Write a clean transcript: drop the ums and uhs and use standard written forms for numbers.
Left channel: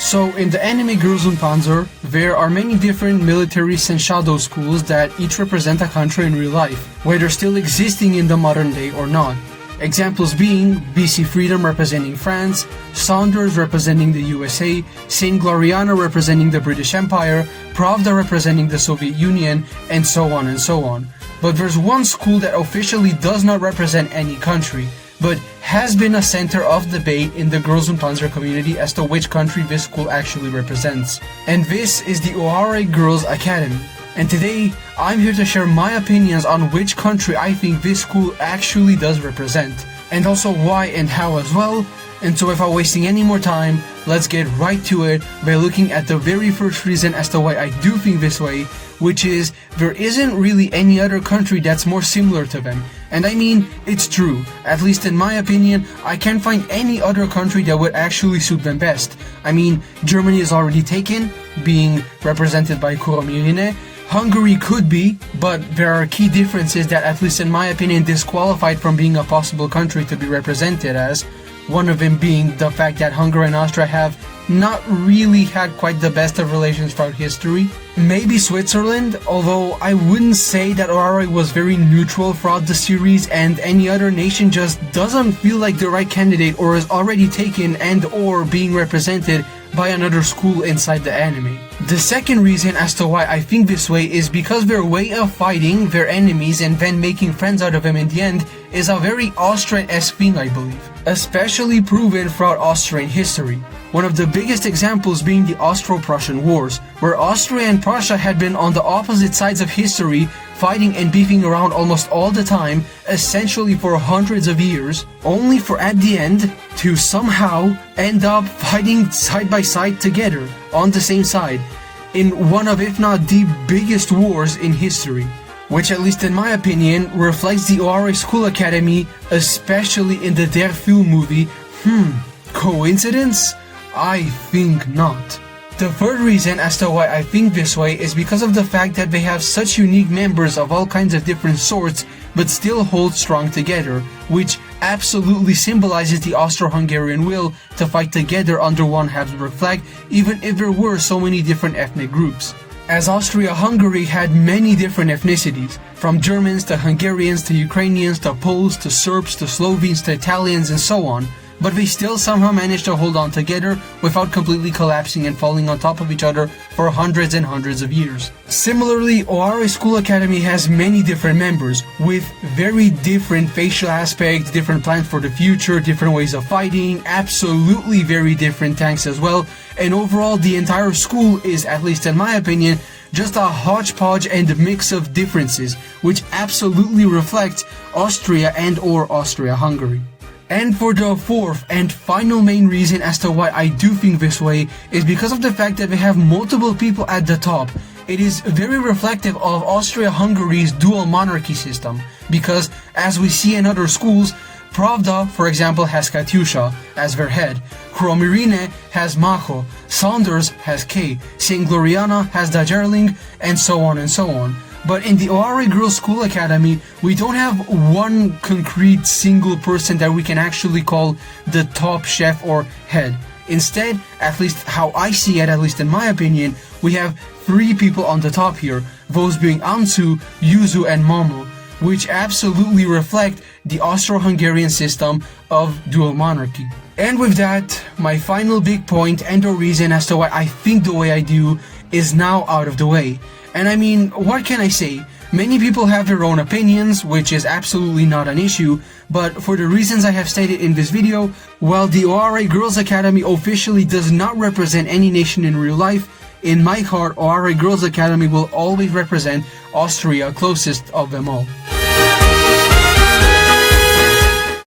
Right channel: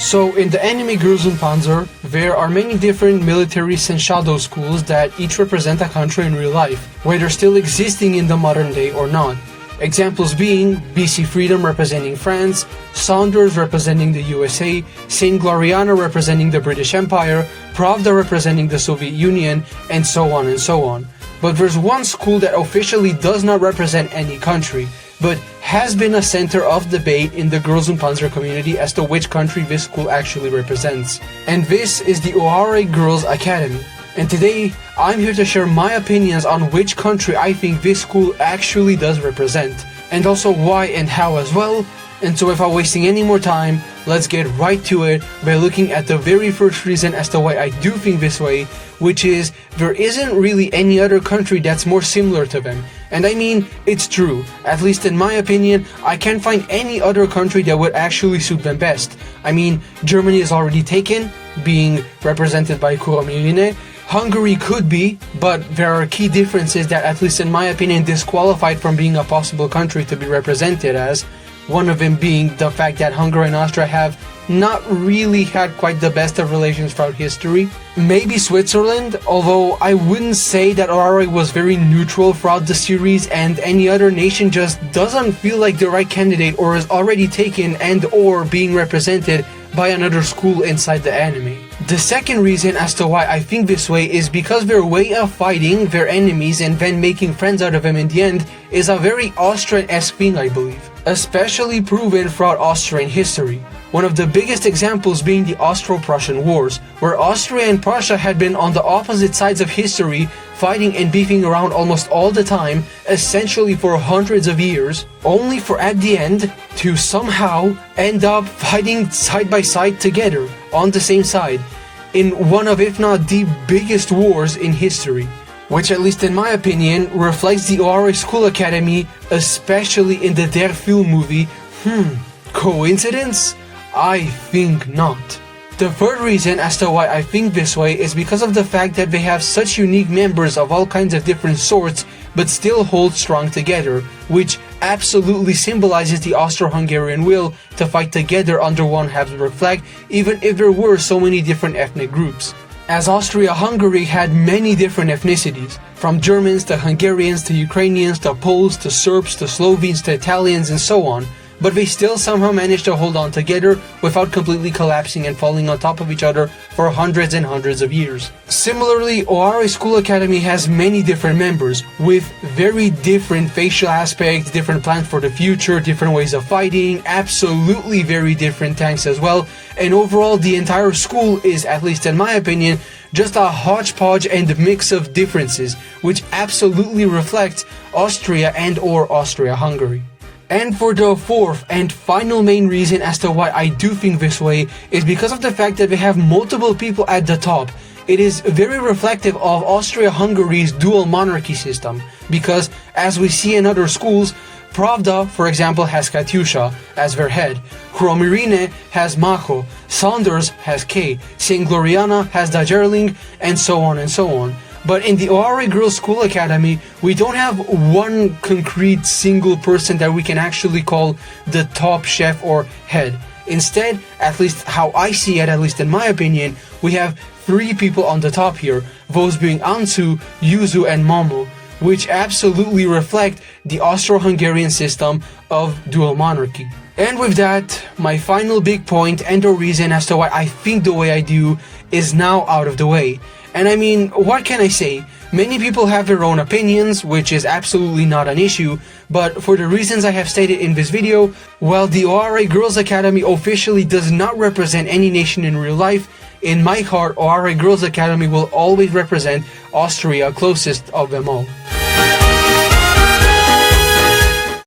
So in the anime Girls Und Panzer, there are many different military shadow schools that each represent a country in real life, whether still existing in the modern day or not. Examples being BC Freedom representing France, Saunders representing the USA, Saint Gloriana representing the British Empire, Pravda representing the Soviet Union, and so on and so on. But there's one school that officially does not represent any country, but has been a center of debate in the Girls Und Panzer community as to which country this school actually represents. And this is the Ōarai Girls Academy. And today, I'm here to share my opinions on which country I think this school actually does represent, and also why and how as well. And so without wasting any more time, let's get right to it by looking at the very first reason as to why I do think this way, which is there isn't really any other country that's more similar to them. And I mean, it's true. At least in my opinion, I can't find any other country that would actually suit them best. I mean, Germany is already taken, being represented by Kuromirine. Hungary could be, but there are key differences that, at least in my opinion, disqualified from being a possible country to be represented as. One of them being the fact that Hungary and Austria have not really had quite the best of relations throughout history. Maybe Switzerland, although I wouldn't say that Ōarai was very neutral throughout the series, and any other nation just doesn't feel like the right candidate or is already taken and or being represented by another school inside the anime. The second reason as to why I think this way is because their way of fighting their enemies and then making friends out of them in the end is a very Austrian-esque thing, I believe, especially proven throughout Austrian history. One of the biggest examples being the Austro-Prussian Wars, where Austria and Prussia had been on the opposite sides of history, fighting and beefing around almost all the time, essentially for hundreds of years, only for at the end to somehow end up fighting side by side together, on the same side, in one of, if not the biggest wars in history. Which, at least in my opinion, reflects the Ōarai School Academy, especially in the Der Film movie. Coincidence? I think not. The third reason as to why I think this way is because of the fact that they have such unique members of all kinds of different sorts, but still hold strong together, which absolutely symbolizes the Austro-Hungarian will to fight together under one Habsburg flag, even if there were so many different ethnic groups. As Austria-Hungary had many different ethnicities, from Germans to Hungarians to Ukrainians to Poles to Serbs to Slovenes to Italians and so on, but they still somehow managed to hold on together without completely collapsing and falling on top of each other for hundreds and hundreds of years. Similarly, Ōarai School Academy has many different members with very different facial aspects, different plans for the future, different ways of fighting, absolutely very different tanks as well, and overall the entire school is, at least in my opinion, just a hodgepodge and mix of differences, which absolutely reflects Austria and or Austria-Hungary. And for the fourth and final main reason as to why I do think this way is because of the fact that they have multiple people at the top. It is very reflective of Austria-Hungary's dual monarchy system, because as we see in other schools, Pravda, for example, has Katyusha as their head, Kuromirine has Mako, Saunders has Kei, Saint Gloriana has Dajerling, and so on and so on. But in the Ōarai Girls School Academy, we don't have one concrete single person that we can actually call the top chef or head. Instead, at least how I see it, at least in my opinion, we have three people on the top here, those being Ansu, Yuzu, and Momo, which absolutely reflect the Austro-Hungarian system of dual monarchy. And with that, my final big point and the reason as to why I think the way I do is now out of the way. And I mean, what can I say? Many people have their own opinions, which is absolutely not an issue, but for the reasons I have stated in this video, while the Ōarai Girls Academy officially does not represent any nation in real life, in my heart, Ōarai Girls Academy will always represent Austria, closest of them all.